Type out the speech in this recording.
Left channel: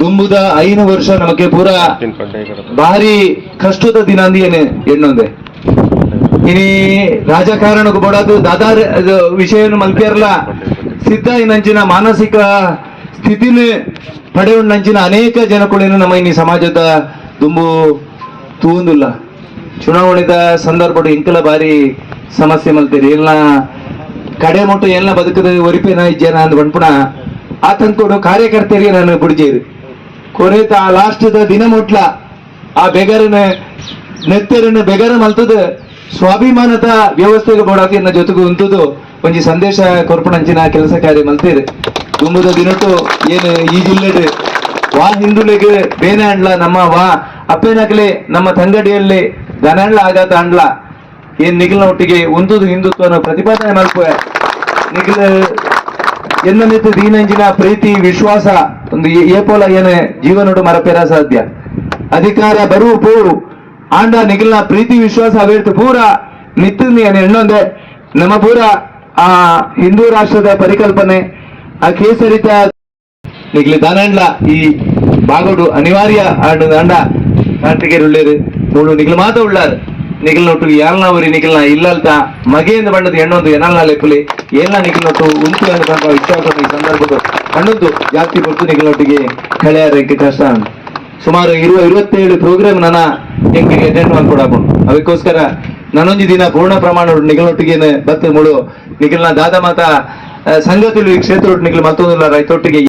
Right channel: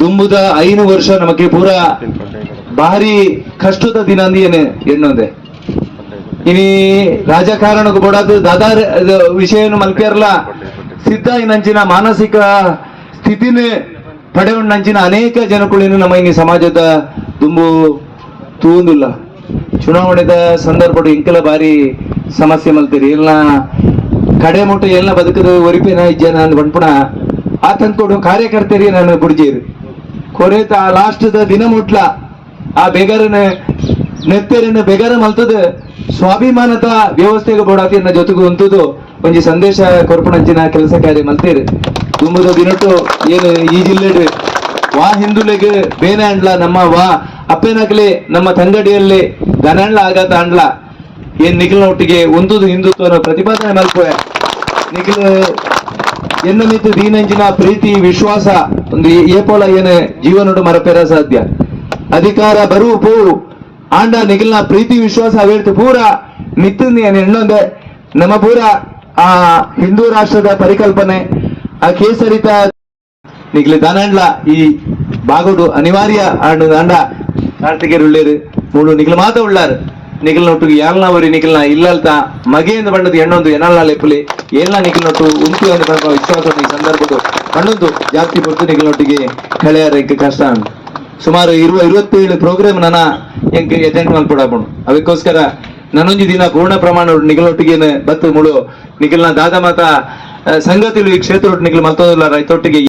ದುಂಬುದ 5 ವರ್ಷ ನಮಗೆ ಪೂರ ಭಾರಿ ಕಷ್ಟದ ದಿನ ಅಂದಿಯೇನೆ ಎಣ್ಣೊಂದೆ ಇನಿ ರಾಜಕಾರಣಕ್ಕೆ ಬೋಡಾದು ದಾದಾರ್ ವಿಷಯನು ಮಲ್ಪಿಯರ್ಲ ಸಿದ್ಧ ನಂಚಿನ ಮಾನಸಿಕ ಸ್ಥಿತಿನ ಪಡೆಯುಂಡಂಚಿನ ಅನೇಕ ಜನಗಳು ನಮ್ಮ ಇನಿ ಸಮಾಜದ ದುಂಬು ತೂಂದಿಲ್ಲ ಚುನಾವಣೆದ ಸಂದರ್ಭ ಇಂಕಲ ಬಾರಿ ಸಮಸ್ಯೆ ಮಲ್ತೀರಿ ಎಲ್ಲ ಕಡೆ ಮುಟ್ಟು ಎಲ್ಲ ಬದುಕದ ಒರಿಪಿನ ಜನ ಅಂದ್ ಬಂದ್ಪುಣ ಆ ತಂದ್ಕೊಂಡು ಕಾರ್ಯಕರ್ತರಿಗೆ ನಾನು ಬುಡ್ಜೀರಿ ಕೊರೆತ ಆ ಲಾಸ್ಟ್ದ ದಿನ ಮುಟ್ಲ ಆ ಬೆಗರನ ನೆತ್ತರನ್ನ ಬೆಗರ ಮಲ್ತದ ಸ್ವಾಭಿಮಾನದ ವ್ಯವಸ್ಥೆಗೆ ಬೋಡಾಕಿನ ಜೊತೆಗೂ ಉಂಟುದು ಒಂಜಿ ಸಂದೇಶ ಕೊರ್ಪಣಂಚಿನ ಕೆಲಸ ಕಾರ್ಯ ಮಲ್ತೀರಿ ತುಂಬುದ ದಿನಟ್ಟು ಏನು ಈ ಜಿಲ್ಲೆ ವಾ ಹಿಂದುಳಿಗೆ ಬೇನೆ ಅಂಡ್ಲ ನಮ್ಮ ವಾ ಅಪ್ಪೇನಾಗ್ಲಿ ನಮ್ಮ ತಂಗಡಿಯಲ್ಲಿ ಗನಂಡ್ಲ ಆಗತ್ತ ಅಂಡ್ಲ ಏನ್ ನಿಖಿಲ್ನ ಒಟ್ಟಿಗೆ ಒಂದುದು ಹಿಂದುತ್ವನ ಪ್ರತಿಪಾದನೆ ಮಲ್ಪುವೆ ನಿಖಿಲ್ ಎನ್ನಮಿತ್ತು ದೀನಂಜಿನ ಪ್ರೀತಿ ವಿಶ್ವಾಸ ಒಂದು ಏಪೋಲ ಏನೇ ಜೀವನೋಡು ಮರಪೇರ ಸಾಧ್ಯ ಅಧಿಕಾರ ಬರು ಪೂ ಆಂಡ ನಿಖಿಲ್ನ ಪ್ರೀತಿ ವಿಶ್ವಾಸ ಅವೇರ್ತು ಪೂರ ನಿತ್ತಿನ ಎಣ್ಣೊಂದೆ ನಮ್ಮ ಪೂರ ಆ ಹಿಂದೂ ರಾಷ್ಟ್ರದ ಪರಿಕಲ್ಪನೆ ಆ ಕೇಸರಿತ ನಿಖಿಲ್ ದಾನಂಡ್ಲ ಈ ಬಾಗೋಡು ಅನಿವಾರ್ಯ ಅಂಡ ಕಾರ್ತಿಕೇರ್ ಉಳ್ಳೇರು ಮೂಳು ನಿಖಿಲ್ ಮಾತ ಉಳ್ಳಾರು ನಿಖಿಲ್ ನೊಟ್ಟು ಯಾಲ್ನ ಅವರಿ ನಿಖಿಲ್ನ ಇಲ್ಲಲ್ತ ಮಗೆಯಿಂದ ಬಂಡದು ಎಣ್ಣೊಂದು ಎನ್ನಲ್ಲ ಲೆಪ್ಪಲಿ ಎಲ್ಲ ನಿಖಿಲ್ ನೊಟ್ಟು ಉಂಟು ಅನ್ಕೊಂಡು ಇಷ್ಟಪಟ್ಟು ಈ ಸಂದರ್ಭದ ಕಣ್ಣೊಂದು ಜಾಸ್ತಿ ಕೊಟ್ಟು ನಿಖಿಲ್ ನೊಟ್ಟಿಗೆ ಕಳೆಯಾರಕ್ಕೆ ಕಷ್ಟ ಸುಮಾರು 27 ಪ್ರೋಗ್ರಾಮ್ ನನ್ನ ಹೆಂಗೆ ಅಟೆಂಡ್ ಮಾಡ್ಕೊಡಕೊಂಡು ಅದಕ್ಕೋಸ್ಕರ ನಾನೊಂದು ದಿನ ಪೂರ್ಣ ಪ್ರಮಾಣ ನಿಖಿಲ್ ನೊಟ್ಟಿಗೆ ಬತ್ತ ಮುಳು ನಿಖಿಲ್ನ ದಾದ ಮಾತ ಸಂಗತಿಲು ಈ ಕ್ಷೇತ್ರ ನಿಖಿಲ್ ಮತ್ತೊಂದು ರೈತೊಟ್ಟಿಗೆ